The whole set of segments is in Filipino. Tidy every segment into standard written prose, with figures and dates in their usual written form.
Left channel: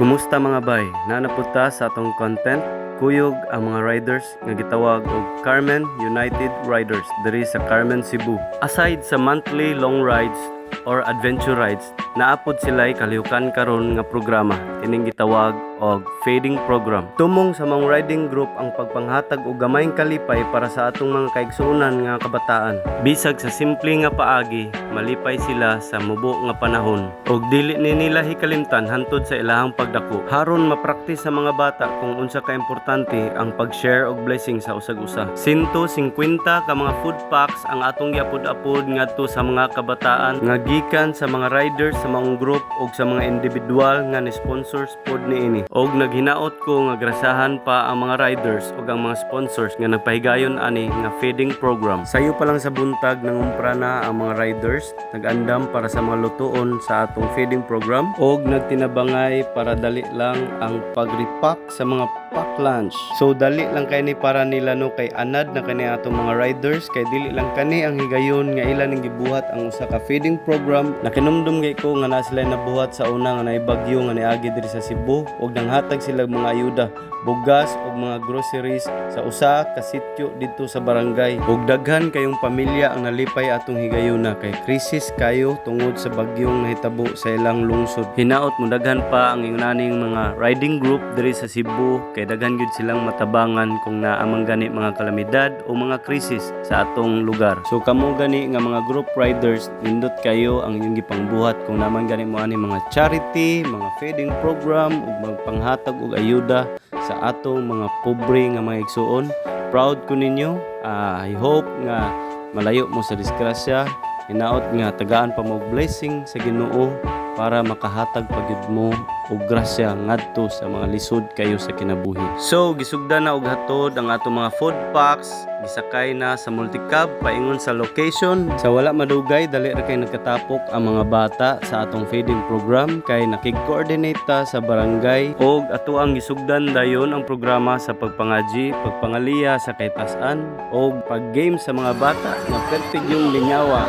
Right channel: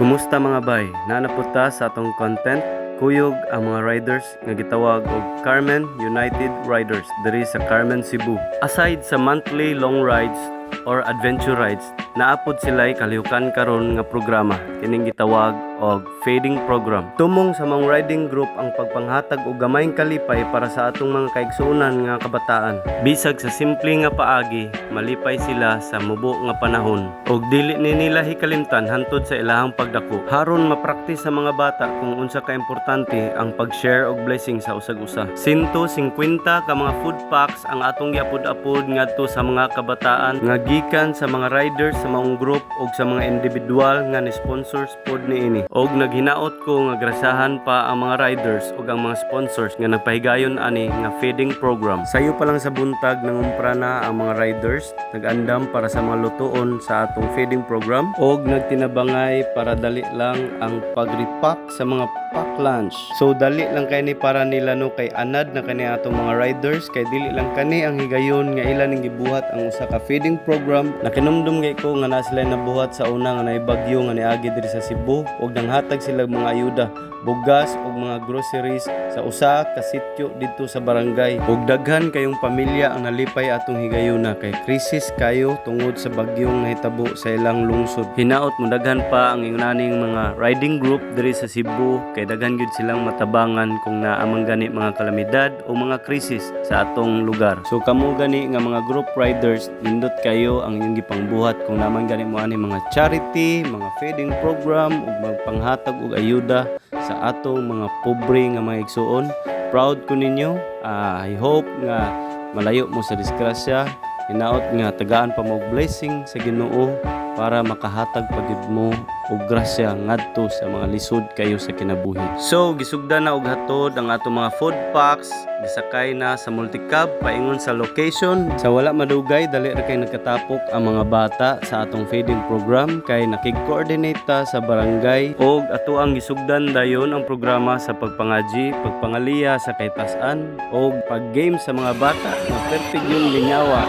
Kumusta mga bay? Nanapunta sa atong content kuyog ang mga riders nga gitawag og Carmen United Riders diri sa Carmen, Cebu. Aside sa monthly long rides or adventure rides, naapod sila'y kalihukan karon nga programa kining gitawag og feeding program. Tumong sa mga riding group ang pagpanghatag og gamayng kalipay para sa atong mga kaigsuonan nga kabataan. Bisag sa simple nga paagi, malipay sila sa mubo nga panahon og dili ni nila hikalimtan hantod sa ilahang pagdako. Haron mapraktis sa mga bata kung unsa ka importante ang pag-share og blessing sa usag-usa. 150 ka mga food packs ang atong giapod-apod ngadto sa mga kabataan nga gikan sa mga riders sa maong group og sa mga individual nga ni sponsors pod niini. Og naghinaot ko nga grasahan pa ang mga riders og ang mga sponsors nga nagpahigayon ani nga feeding program. Sayo pa lang sa buntag nangumpra na ang mga riders, nag-andam para sa mga lutuon sa atong feeding program og nagtinabangay para dali lang ang pag-repack sa mga pack lunch. So dali lang kay ni para nila no kay anad na kani atong mga riders kay dili lang kani ang higayon nga ila ning gibuhat ang usa ka feeding program. Nakinumdum kay ko nga na sila nabuhat sa una nga naibagyo nga niagi diri sa Cebu og nanghatag sila mga ayuda, bugas og mga groceries sa usa ka sitio didto sa barangay. Og daghan kayong pamilya ang nalipay atong higayuna kay krisis kayo tungod sa bagyong nahitabo sa ilang lungsod. Hinaot mo daghan pa ang ingnaning mga riding group diri sa Cebu kay daghan gyud silang matabangan kung naamang gani mga kalamidad o mga krisis sa atong lugar. So kamo gani nga mga group riders, nindot kayo ang inyong gipangbuhat kung naman gani mo ani mga charity, mga feeding program ug magpanghatag og ayuda sa atong mga pobre nga mga igsuon. Proud ko ninyo. I hope nga malayo mo sa disgrasya. Hinaot nga tagaan pa mo blessing sa Ginoo para makahatag pagyud mo og grasya ngadto sa mga lisod kayo sa kinabuhi. So gisugdan na og hatod ang atong mga food packs, gisakay na sa multicab paingon sa location. Sa wala madugay dali ra kay nagkatapok ang mga bata sa atong feeding program kay nakig-coordinate ta sa barangay og ato ang gisugdan dayon ang programa sa pagpangaji, pagpangaliya sa kaytas-an og pag-game sa mga bata nga perfect yung lingawa.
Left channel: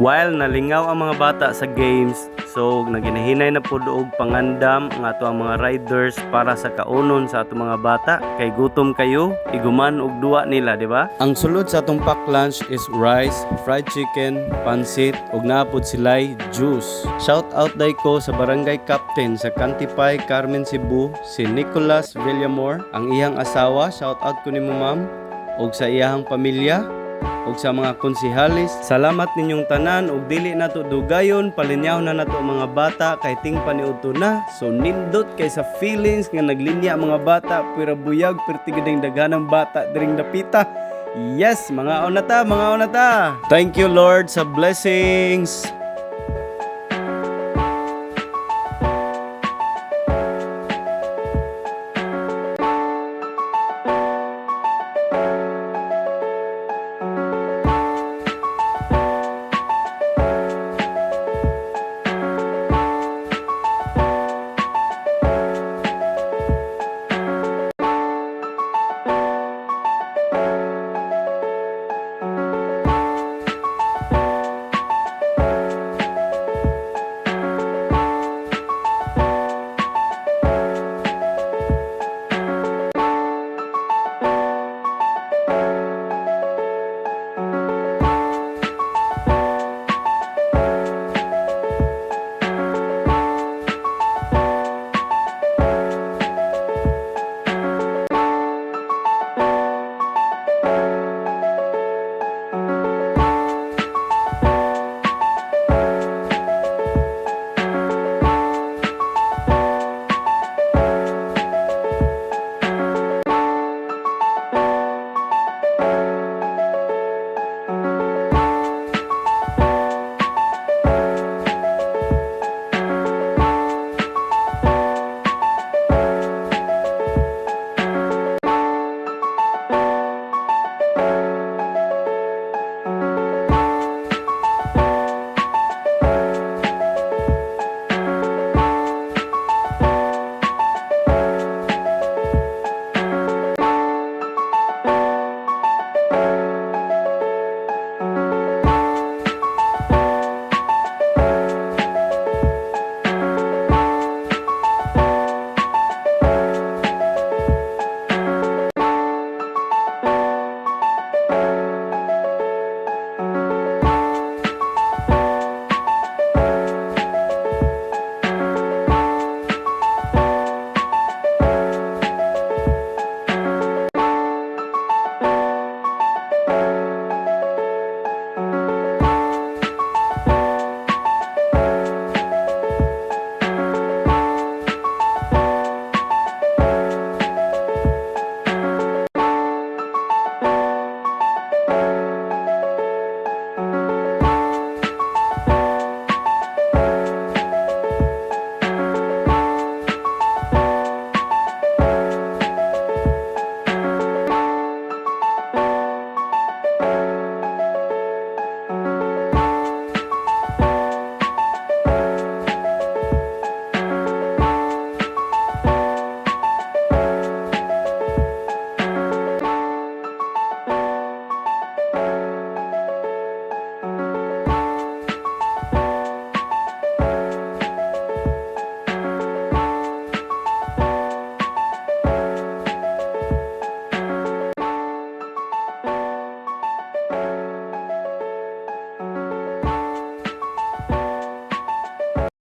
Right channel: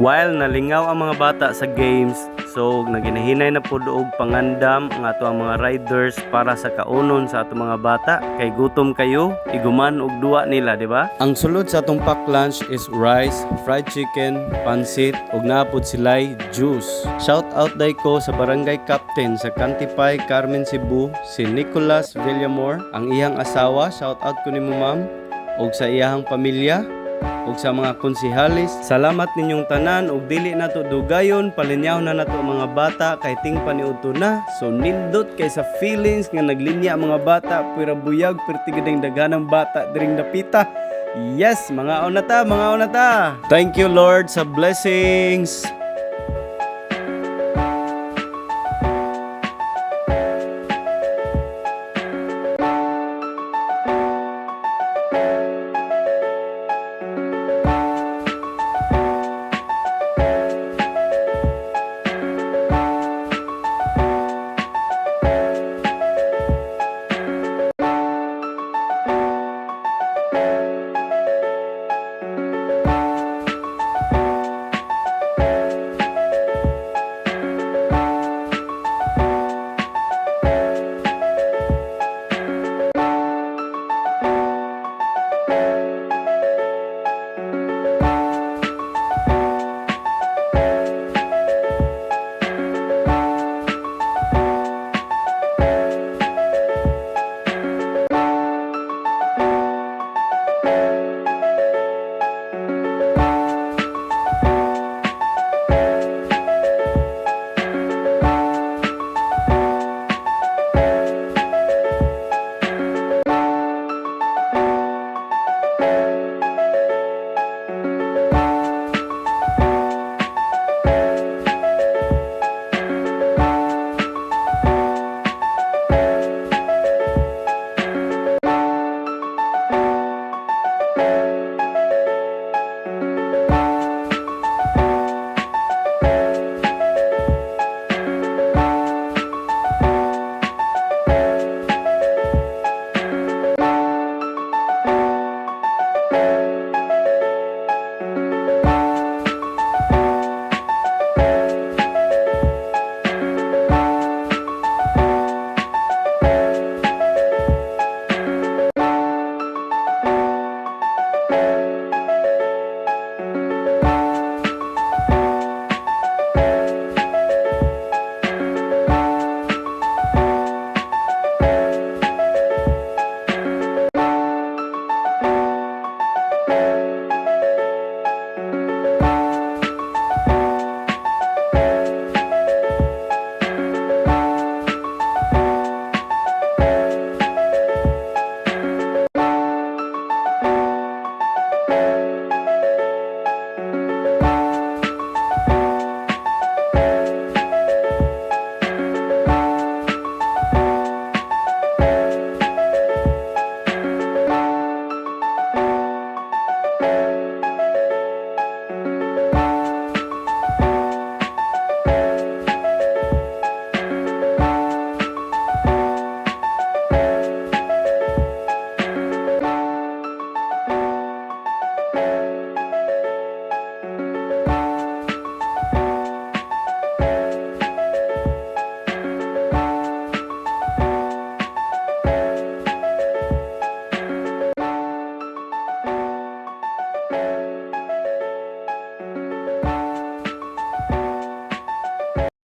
While nalingaw ang mga bata sa games, so naginahinay na pod og pangandam ang ato ang mga riders para sa kaunon sa ato mga bata kay gutom kayo, iguman og duwa nila, di ba? Ang sulod sa atong pack lunch is rice, fried chicken, pansit ug naapod silay juice. Shout out day ko sa barangay captain sa Cantipay, Carmen, Cebu, si Nicolas Villamor, ang iyang asawa. Shout out ko nimo ma'am og sa iyang pamilya og sa mga konsehalis. Salamat ninyong tanan og dili nato dugayon, palinyaw na nato mga bata kay ting paniudto na. So nindot kay sa feelings nga naglinya mga bata pira buyag pertigideng daghanang bata diring dapita. Yes, mga onata. Thank you Lord sa blessings.